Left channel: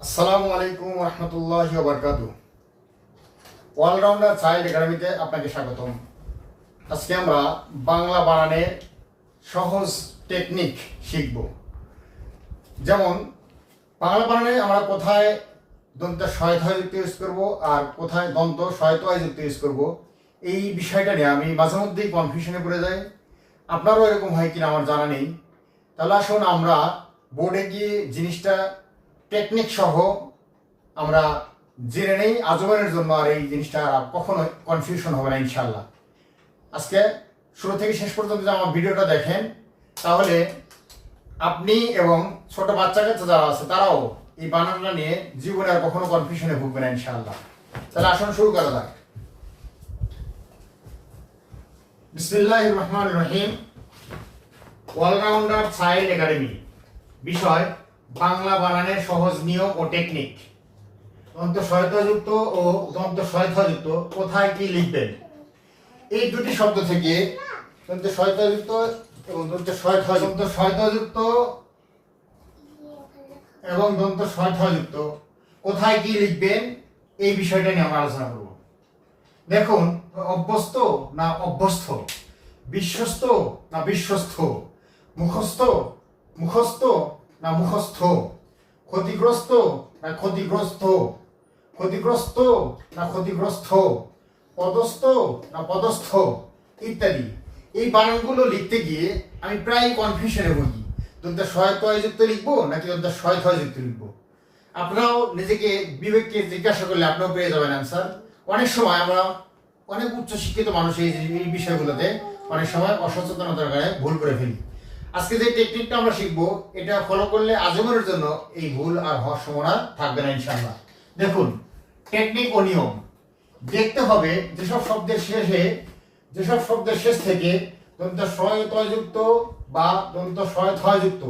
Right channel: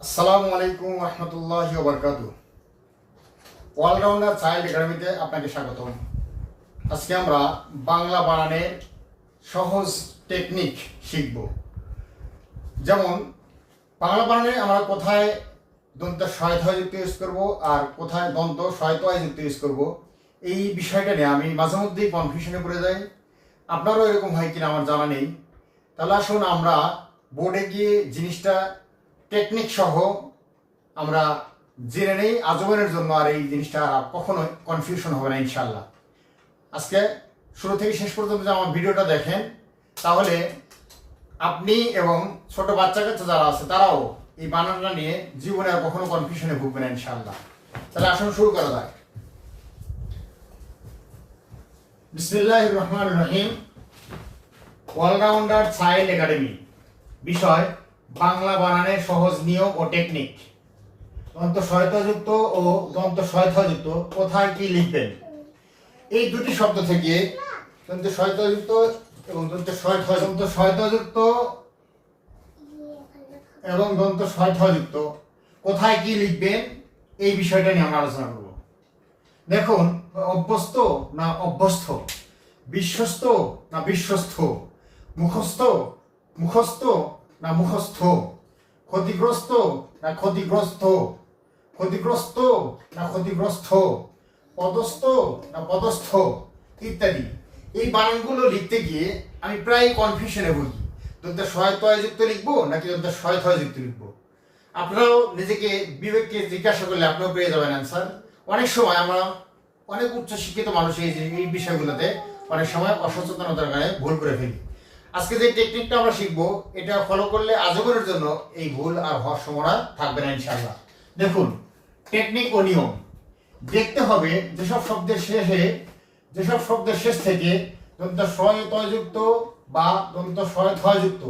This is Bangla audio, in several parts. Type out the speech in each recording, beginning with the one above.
আসসালামু আলাইকুম রহমতুল্লাহি ওয়া বারাকাতুহু। অলরাউন্ডার চাইল্ড একাডেমিতে আপনাকে স্বাগতম। আজকে আমরা বাংলা বানানের সহজ টেকনিক শিখব। যেমন বাংলা বানানে আমরা কোথায় দন্ত সহায়তাযুক্ত ইউজ করব আর কোথায় দন্ত সহায়তাযুক্ত ইউজ করব, এই বিষয়টা নিয়ে আমি মাঝে মধ্যেই কনফিউশনে পড়ে যাই। আপনারও এরকম হয় কিনা আমার জানা নেই। তাহলে আসুন আমরা বোর্ডে গিয়ে জিনিসটা টেকনিক সহ আমরা জেনে নেই আজীবনের জন্য, আর এই জিনিসটা আর কখনোই কনফিউশন হবে না ইনশাল্লাহ। আজকে শুরু থেকে শেষ পর্যন্ত যে আমার ভিডিওটা দেখেন, তাহলে আপনি এবং ছোট বাচ্চা কাচ্চা যারা আছে তারাও এই বানানটা নিয়ে জীবনে আর কখনো কনফিউশনে ভুগবে না ইনশাল্লাহ। তাহলে আসুন শুরু করা যাক। বিসমিল্লাহির রহমানির রহিম। অলরাউন্ডার চাইল্ড একাডেমি, বিষয় বাংলা বানানের সহজ নিয়ম ও টেকনিক। দন্ত সহায়তাযুক্ত ও দন্ত সহায়তাযুক্ত কোথায় কি লিখবেন, এই দুটি শব্দ থেকে দন্ত সহায়তাযুক্ত এবং দন্ত সহায়তাযুক্ত এবং দন্ত সহায়তাযুক্ত কোথায় কি লিখবেন, এই বিষয়টা নিয়ে আমরা আলোচনা করব। দেখুন, অভ্যস্ত না অভ্যস্ত, বিশ্বস্ত না বিশ্বস্ত, মুখস্থ মুখস্থ না মুখস্থ, ক্ষতিগ্রস্ত না ক্ষতিগ্রস্ত, ক্ষতিগ্রস্ত না ক্ষতিগ্রস্ত, পদস্থ না পদস্থ ইত্যাদি। এই বানানগুলো লিখতে গিয়ে আমি প্রায় কনফিউশনে ভুগি। দন্ত সহায়তাযুক্ত লিখবো নাকি দন্ত সহায়তাযুক্ত লিখবো। আপনারাও নিজেকে বিবেককে জিজ্ঞাসা করলে আপনিও পেয়ে যাবেন অ্যান্সার। অনেক সময় আমরা অনেক উচ্চশিক্ষিত মানুষ এই বিষয়গুলোতে অনেক সময় অসচেতনতার কারণে ভুল করে ফেলি। আজকে যে টেকনিকটা আমরা শিখবো, এটা ফলো করলে আজীবনের জন্য এই ভুল আর হওয়ার সম্ভাবনা থাকবে না ইনশাআল্লাহ। দেখুন, টেকনিক ও নিয়ম দেখতে হবে যেসব শব্দের শেষ থেকে দন্ত সহায়তাযুক্ত বা দন্ত সহায়তাযুক্ত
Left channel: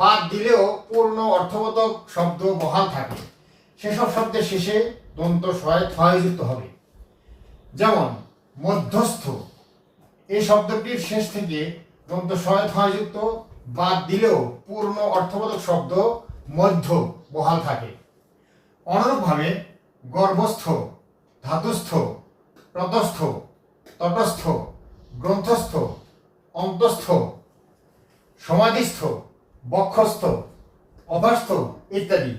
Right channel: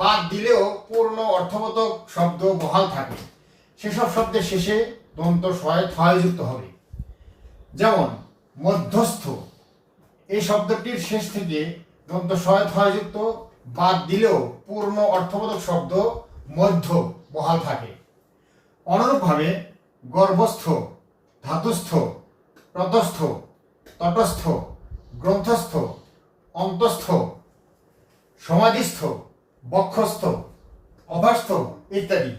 বাদ দিলেও পূর্ণ অর্থবোধক শব্দ বহাল থাকে, সেসব শব্দের শেষে দন্ত সহায়তাযুক্ত হবে। যেমন মধ্যস্থ, এই শব্দটির শেষ থেকে দন্ত সহায়তাযুক্ত বাদ দিলেও পূর্ণ অর্থবোধক শব্দ মধ্য বহাল থাকে। অনুরূপভাবে গর্ভস্থ, ধাতুস্থ, তটস্থ, তটস্থ, গ্রন্থস্থ, অন্তস্থ, সমাধিস্থ, বক্ষস্থ, অবাস্থ ইত্যাদি।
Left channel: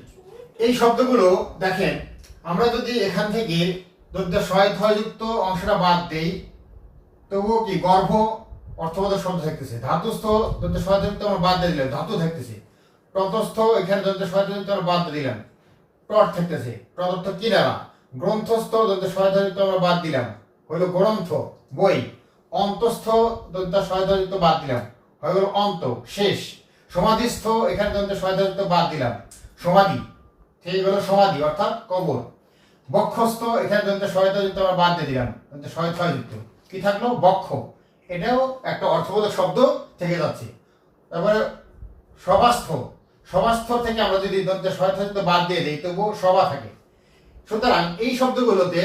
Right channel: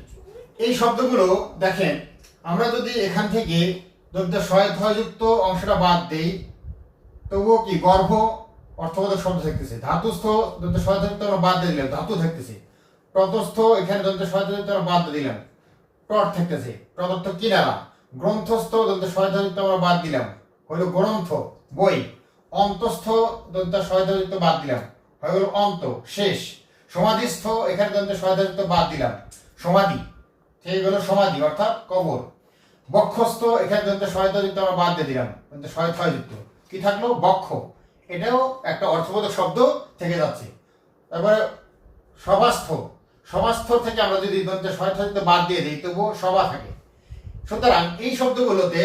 এই শব্দগুলো দেখেন, আমরা যদি এখান থেকে দন্ত সহায়তাযুক্ত অংশটা বাদ দিই, তবুও কি গর্ভ অর্থবোধক শব্দ থাকতেছে। ধাতুস্থ দন্ত সহায়তাযুক্ত আমরা বাদ দিয়ে দিলাম, ধাতু থাকতেছে। প্রতস্থ, এখানে দন্ত সহায়তাযুক্ত আমরা বাদ দিয়ে দিলাম, টট থাকতেছে, প্রদত্ত কিনারা। গ্রন্থস্থ দন্ত সহায়তাযুক্ত আমরা বাদ দিলাম, হইল গ্রন্থ বই। অন্তস্থ দন্ত সহায়তাযুক্ত বাদ দিলাম, হয়ে গেল অন্ত শেষ। সমাধিস্থ, এখানে দন্ত সহায়তাযুক্ত বাদ দিলাম, সমাধি থেকে গেল সমাধি অর্থাৎ কবর। বক্ষস্থ, এখানে দন্ত সহায়তাযুক্ত আমরা বাদ দিয়ে দিলাম, দন্ত সহায়তাযুক্ত কি থাকলো, বক্ষ। এটাও একটা অর্থবোধক শব্দ থেকে যাচ্ছে। তারপরে সভাস্থ, সভাস্থ থেকে আমরা যদি দন্ত সহায়তাযুক্ত বাদ দিয়ে দিই তবুও সভা থাকে। সুতরাং এই শব্দগুলোতে,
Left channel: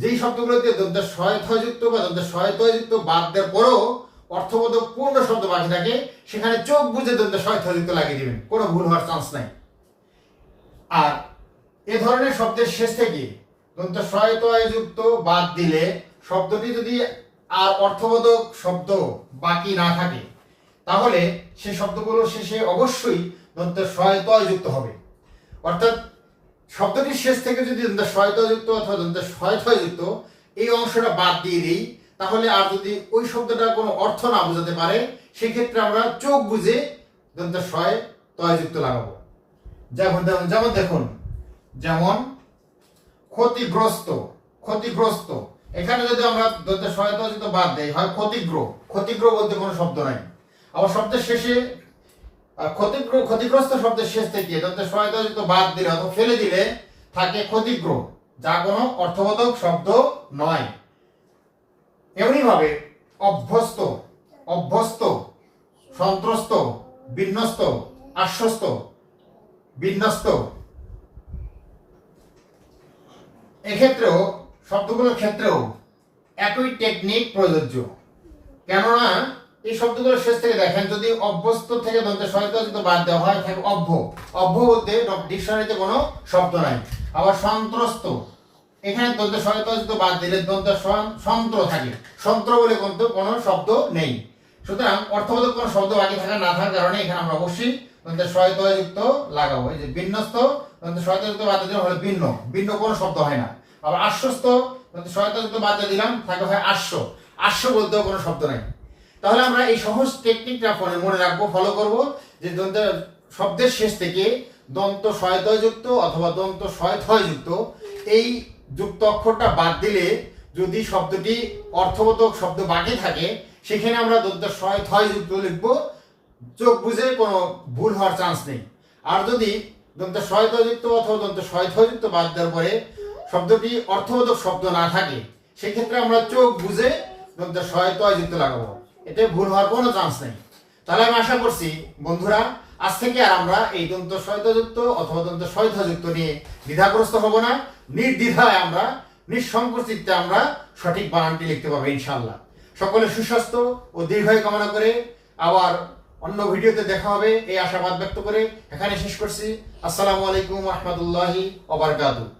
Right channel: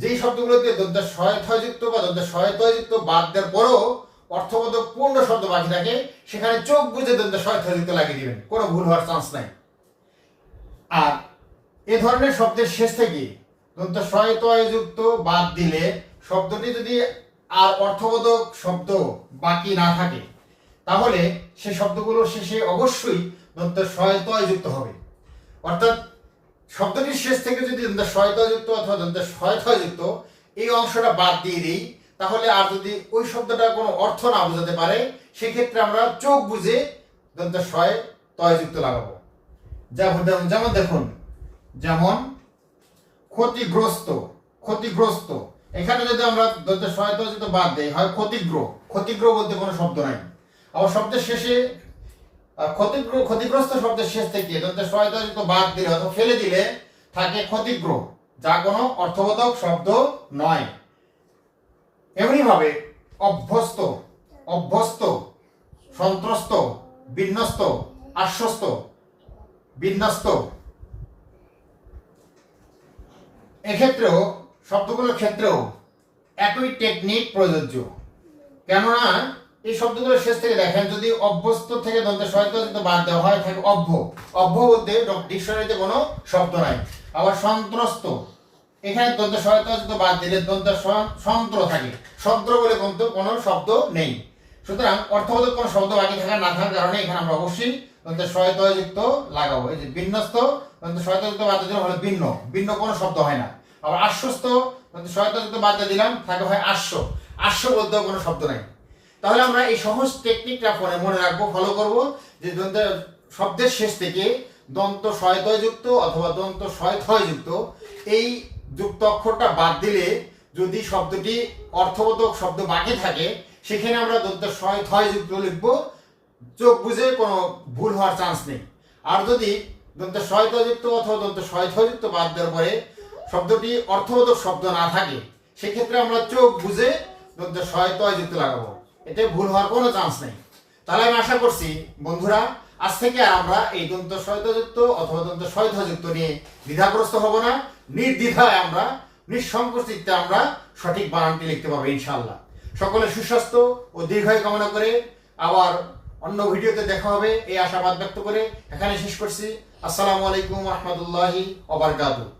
যেই শব্দগুলোতে দন্ত সহায়তাযুক্ত বা দন্ত সহায়তাযুক্ত বাদ দেওয়ার পরেও অর্থবোধক পূর্ণ শব্দ বাকি থাকে, সেখানে চোখ বুঝে দন্ত সহায়তাযুক্ত লাগিয়ে দিবেন, কোনো ভুল হওয়ার চান্স নাই। আর এ ধরনের শব্দের শেষ থেকে দন্ত সহায়তাযুক্ত বাদ দিলে শব্দটি যদি আর অর্থবোধক শব্দ বাকি না থাকে, তাহলে সেই শব্দগুলোর শেষে অবশ্যই দন্ত সহায়তাযুক্ত হবে। অর্থাৎ শব্দটির শেষ থেকে যদি দন্ত সহায়তাযুক্ত অথবা দন্ত সহায়তাযুক্ত এই অংশটা বাদ দিয়ে দিই, তাহলে আর যদি ওই শব্দটা কোনো অর্থ না বোঝাতে পারে, সেক্ষেত্রে আমরা চোখ বুঝে দন্ত সহায়তাযুক্ত লাগাবো। যেমন দেখুন, যেমন ক্ষতিগ্রস্ত, ক্ষতিগ্রস্ত, এখানে যদি আমরা দন্ত সহায়তাযুক্ত বাদ দেই হয় ক্ষতিগ্রহ, ক্ষতিগ্রহ বলতে কোনো শব্দ নাই। আবার শব্দের শেষে ক্ষতিগ্রস্ত শব্দের শেষ থেকে দন্ত সহায়তাযুক্ত বাদ দিলে অথবা ফেলে দিলে থাকে ক্ষতিগ্রহ, যা কোনো অর্থবোধক শব্দ নয়। এমনি ভাবে অভ্যস্ত, অভ্যস্ত, সন্ত্রস্ত, বিন্যস্ত, আশ্বস্ত, বিন্যস্ত, এক্ষেত্রেও শব্দগুলোর ক্ষেত্রেও একই টেকনিক প্রযোজ্য। কেননা এই শব্দগুলো শেষ থেকে দেখেন, যদি অভ্যস্ত থেকে দন্তের সহায়তা বাদ দেওয়া হয় থাকে অভ্য। অভ্য বলতে ডিকশনারিতে কোনো শব্দ নাই। আবার সন্ত্রস্ত, এখানে দন্তের সহায়তা বাদ দিলে দন্তের সন্ত্র থাকে, সন্ত্র বলে কিন্তু কোনো শব্দ নেই। সুতরাং অর্থবোধক কোনো শব্দ বাকি থাকা না থাকার কারণে এখানে আমরা অবশ্যই দন্তের সহায়তাযুক্ত লাগাবো। এই যে বিন্যস্ত, দন্তের সহায়তাযুক্ত বাদ দিলে হলো ভিন্ন, ভিন্ন কোনো শব্দ হয় না। আবার আশ্বস্ত, দন্তের সহায়তাযুক্ত বাদ দিয়ে দিলাম, থাকে হয় আশ্ব, আশ্ব বলতেও কোনো শব্দ নাই। তাহলে আমরা এই সহজ টেকনিকটা মনে রাখবো, ফলো করব, যে দন্তের শব্দের শেষ থেকে দন্ত সহায়তাযুক্ত অথবা দন্ত সহায়তাযুক্ত এই যুক্ত অক্ষরটা বাদ দিলে যদি শব্দটি অর্থবোধক শব্দ বাকি থাকে সেখানে আমরা দন্ত সহায়তাযুক্ত লিখবো, চোখ বুঝে কোনো ভুল হওয়ার চান্স নেই। আর যদি দন্ত সহায়তাযুক্ত অথবা দন্ত সহায়তাযুক্ত বাদ দেওয়ার পরে শব্দটি অর্থবোধক শব্দ না থাকে সেক্ষেত্রে আমরা চোখ বুঝে দন্ত সহায়তাযুক্ত লাগাবো, এতে ভুল হওয়ার কোনো চান্স নেই। তাহলে আমি আশা করছি বন্ধুরা আজ থেকে আর আমরা এই দন্ত সহায়তাযুক্ত অথবা দন্ত সহায়তাযুক্ত নিয়ে দ্বিধাগ্রস্ত হব না, নির্দ্বিধায় আমরা নিঃসংকোচ চিত্তে আমরা সঠিক বানানটি লিখতে পারবো ইনশাআল্লাহ। সকলে সুস্বাস্থ্য ও দীর্ঘায়ু কামনা করে আবার অন্য ভিডিওতে দেখা হবে এই আশাবাদ ব্যক্ত করে এখানে শেষ করছি। আসসালামু আলাইকুম ওয়া রাহমাতুল্লাহি ওয়া বারাকাতুহু।